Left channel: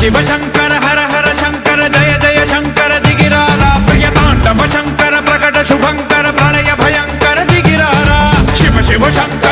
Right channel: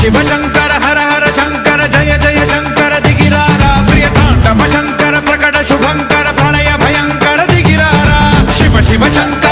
शिव शंकर हर हर शंकर जय जय शंकर दिगिरारा प्रियतांडव शंकर प्रकट शुभंकर प्रलय भयंकर दिगिरारा शिव शिव शंकर